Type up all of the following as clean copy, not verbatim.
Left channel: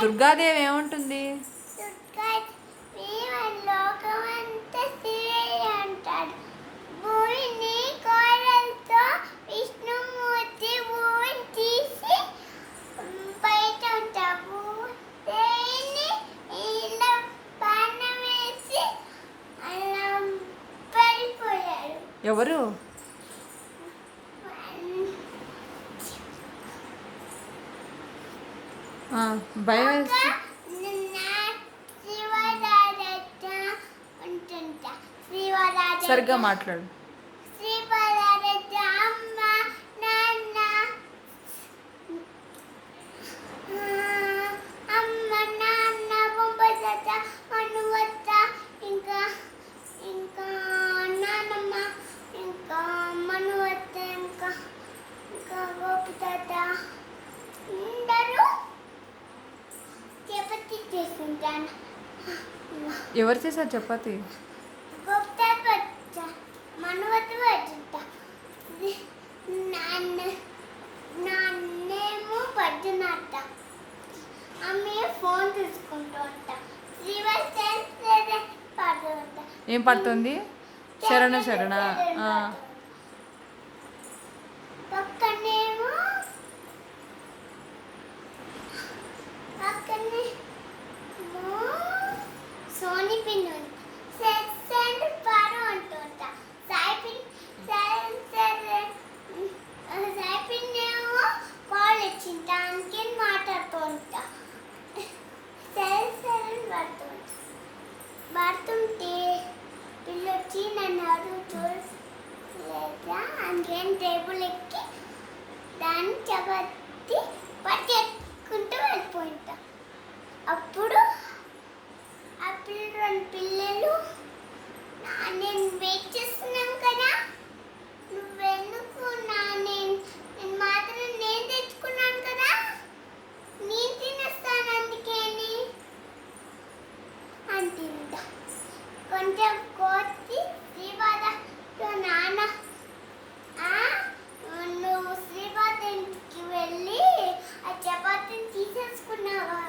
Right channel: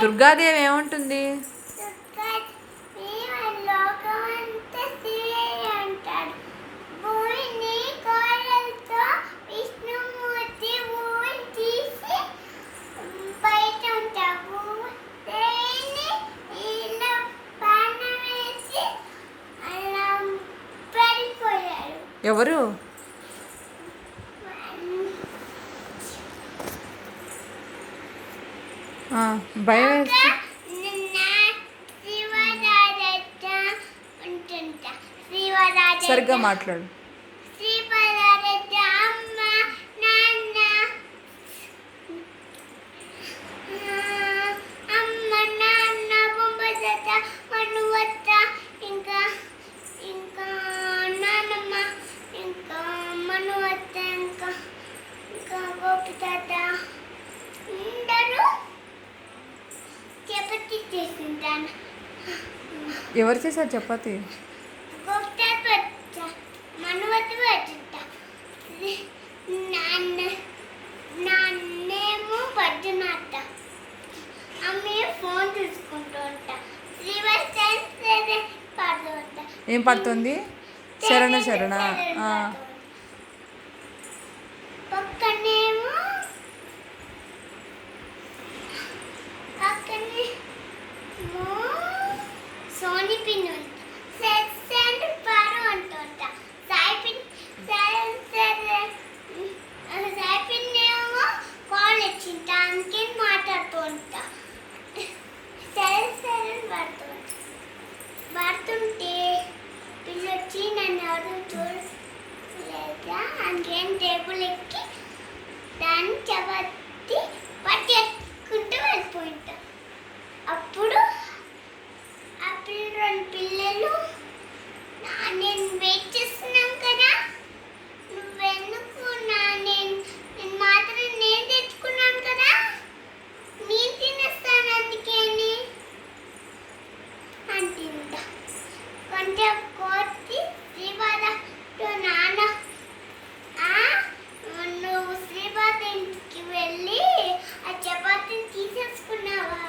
దుర్గాదేవి ఏమంటుంది? ఎవరు? భయం వేస్తే సరిగ్గా మాట్లాడు. ఎవరు చేశారు చపాతి? నాన్నేమో పద్దునట్ట, అమ్మే ఫోన్ చూసుకుంటూ ఉంటా. ఏం పడుతుంది? శరణ శరణ. పక్కనేమో సోనీ పిన్ పారు అంటుంటా. సాయి పిన్ ఏమో కాల్ ఇచ్చింటా, అందుకే మాట్లాడుతూ ఉంటా. పడుతుంటే పిల్లొచ్చి నన్ను ఎవరు చూడలేక అందుకేం టేబుల్ ఎక్కి దాన్ని చపాతి పట్టేసుకుంటూ వెళ్ళిపోయింటా. అప్పుడు రెండు పిల్లలు నేను వెయిట్ చేస్తున్నాం కదా, నువ్వెందుకు నేను మాత్రం నేను తెచ్చుకున్నాను కదా, నేను తినేస్తాను అందుకేని అంటుందా. కొంచెం కోతి శ్రీపాదతో నాన్న నువ్వు శ్రీపాద ఇంటికి వెళ్ళి ఆ చపాతీని తీసేసుకున్నావా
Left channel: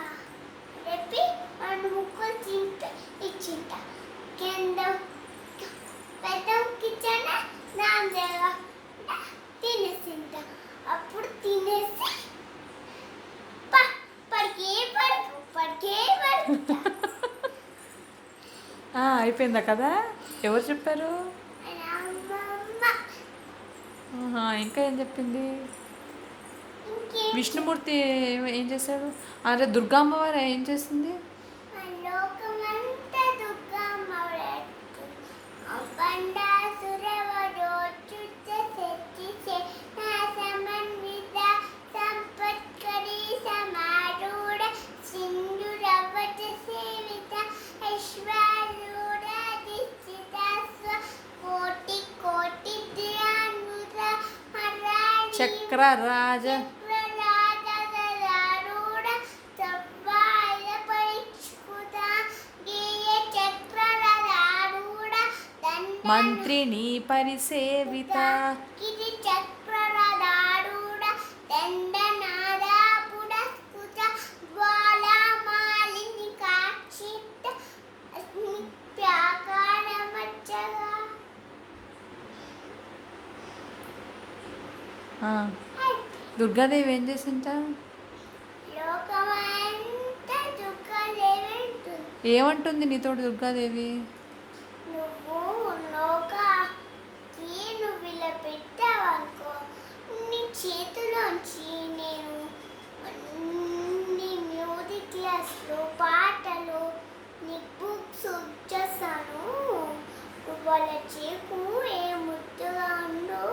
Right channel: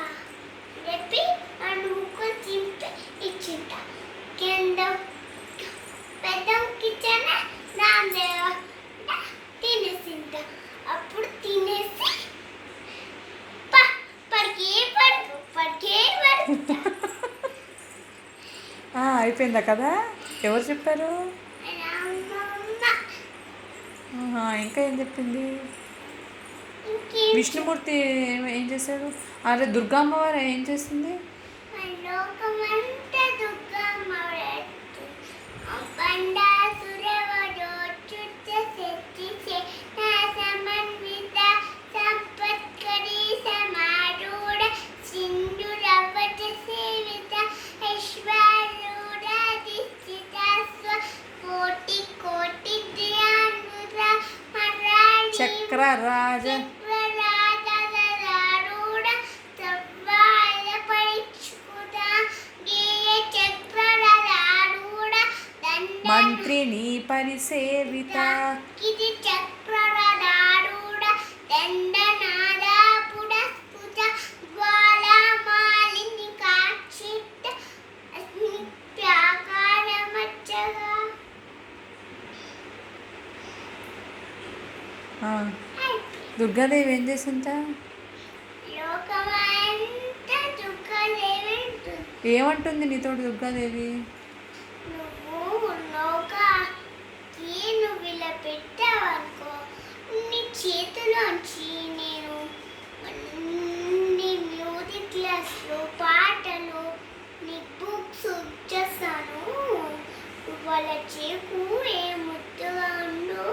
చెప్పి రెండు ముక్కలు చింపి ఇచ్చింట. కింద పెద్ద కిచెన్ దాని తినేసింట. అప్పుడు తినేసి పడికే అయిపోయిందా కదా? ఎవరు చెప్పారు? ఇంకా ఏం చెప్పింది? విష్ణుమూర్తి ఏం చేశాడు? అరే దుర్గా అమ్మవారు ఏం చేస్తుంది? చక్రరాజ మంత్రిని పరిసేవిత దుర్గాదేవి ఏం చేసిందా? ఏమంటుంది నీతో దుర్గాదేవి? నువ్వు ఇలా పెట్టావనుకో, నీ చేతిలోంచి నేను నీ మ్యూజిక్ క్లాస్లు, పాటలు, నీ బుక్స్ ఇచ్చేస్తాను. వాళ్ళ చేకు ఏ ముద్దుగా ఉండు,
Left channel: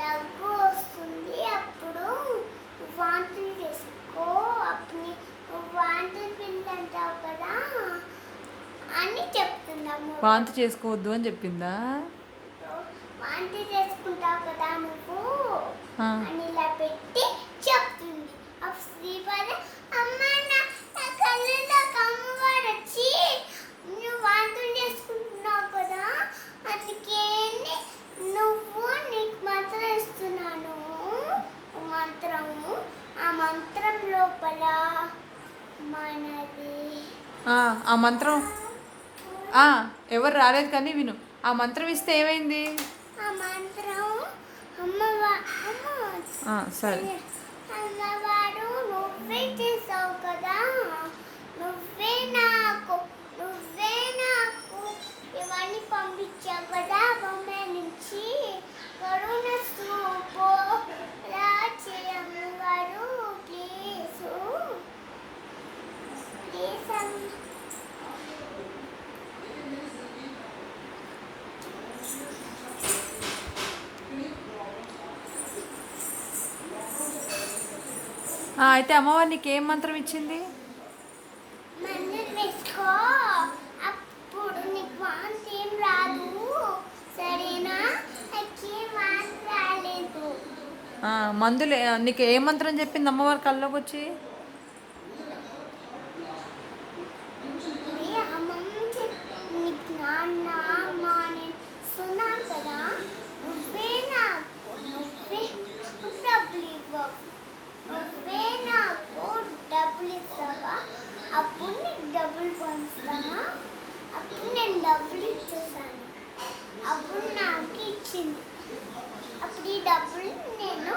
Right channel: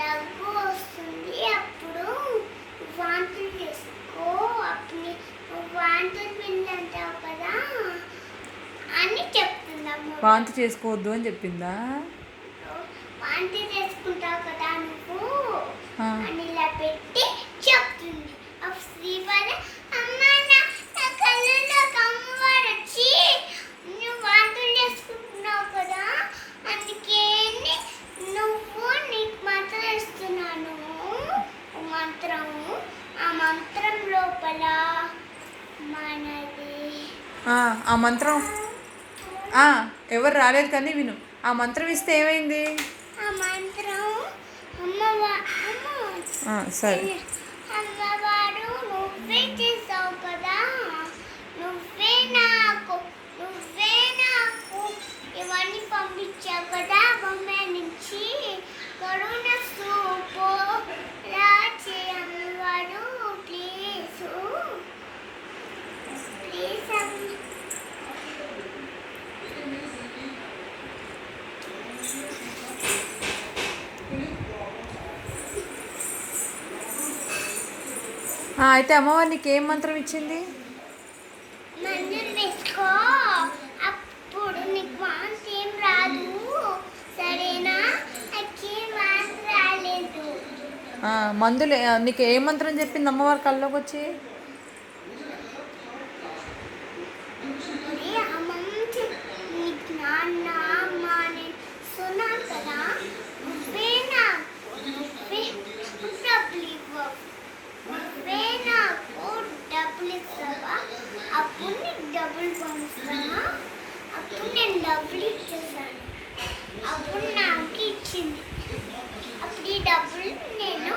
దగ్గు వస్తుంది, అప్పుడు వాంతులు చేసుకో, అప్పుడు వాంతులు పిండంటావు కదా అని చెప్తుందమ్మ. వాంతి చేసుకోవద్దు అని చెప్పిందా? వాంతి చేసుకుంటావు కదా నువ్వు అని ఇలా పెట్టి చెప్తుంది. శ్రీపాద అమ్మ నా కళ్ళలో అమ్మవారు వచ్చి నువ్వు వాంతులు చేసుకుంటున్నావు కదా, అందుకే నువ్వు నీకు మంత్రం ఇస్తున్నాను. మంత్రము ఆ మంత్రం లోపల మనది ఆ మంత్రం ఎవరు రాలేదు కానీ విను. ఆ మంత్రం ఇస్తే ఏమైంది? ఆ మంత్రం సరే. అమ్మవారు నువ్వే చేసావు కదా, నువ్వే నాకు ఇవన్నీ పంపించావు కదా బొమ్మ నుంచి. కరుణ చూపు రాచి అమ్మవారు ప్లీజ్ అయితే అమ్మవారు నీకు ఏం మంత్రం ఇచ్చింది? మందులు వేసుకో, అప్పుడు నీకు వాంతి ఏం రాదు, సరేనా? నాకు వాంతి రాలేదు. మందులు నీకు ఏ మంత్రం చెప్పింది అమ్మవారు కల్లోకి వచ్చి? నీకు నాన్న అమ్మ నేను ఇస్తున్నాను కదా, నువ్వే డబ్బులు ఇవ్వవు, నువ్వే నాకు డబ్బులు ఇస్తావా, అప్పుడు నీకు డబ్బులు పంపిస్తావా, అప్పుడు నేను డబ్బులు ఇచ్చేసాను, అప్పుడు నాకు ఇచ్చింది, అప్పుడు ఈ డబ్బులు నేను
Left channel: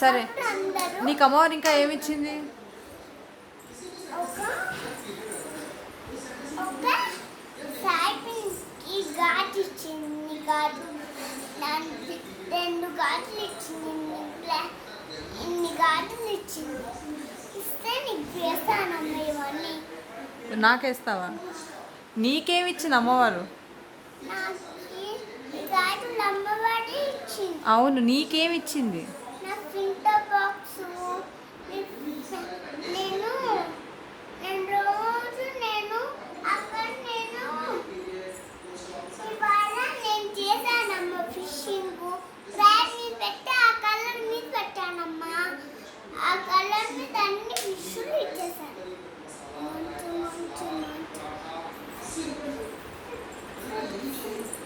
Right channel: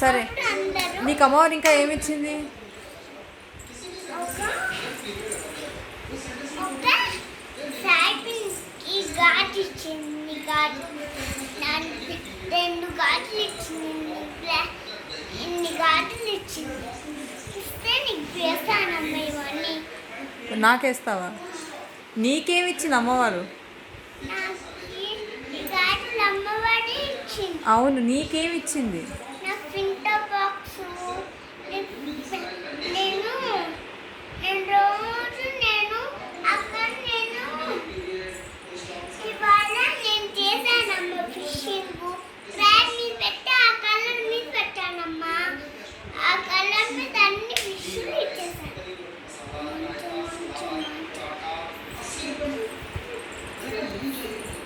సరే. నీకు అమ్మవారు ఇంకా ఏమి ఇచ్చింది? ఒక సైకిల్కి ఘాట్ ఇచ్చింది, ఘాటు దానికి 2 ఘాట్లు ఇచ్చింది, ఇన్ని ఘాట్లు ఇచ్చింది. ఇస్తే నీకు వేస్తానమ్మ ఇవన్నీ. నాకేస్తావా? నీకేమి ఇచ్చింది అమ్మవారు? నాకు ఈ ఘాట్లు అమ్మవాడే ఇచ్చింది. అవును, నీకేమి ఇచ్చింది?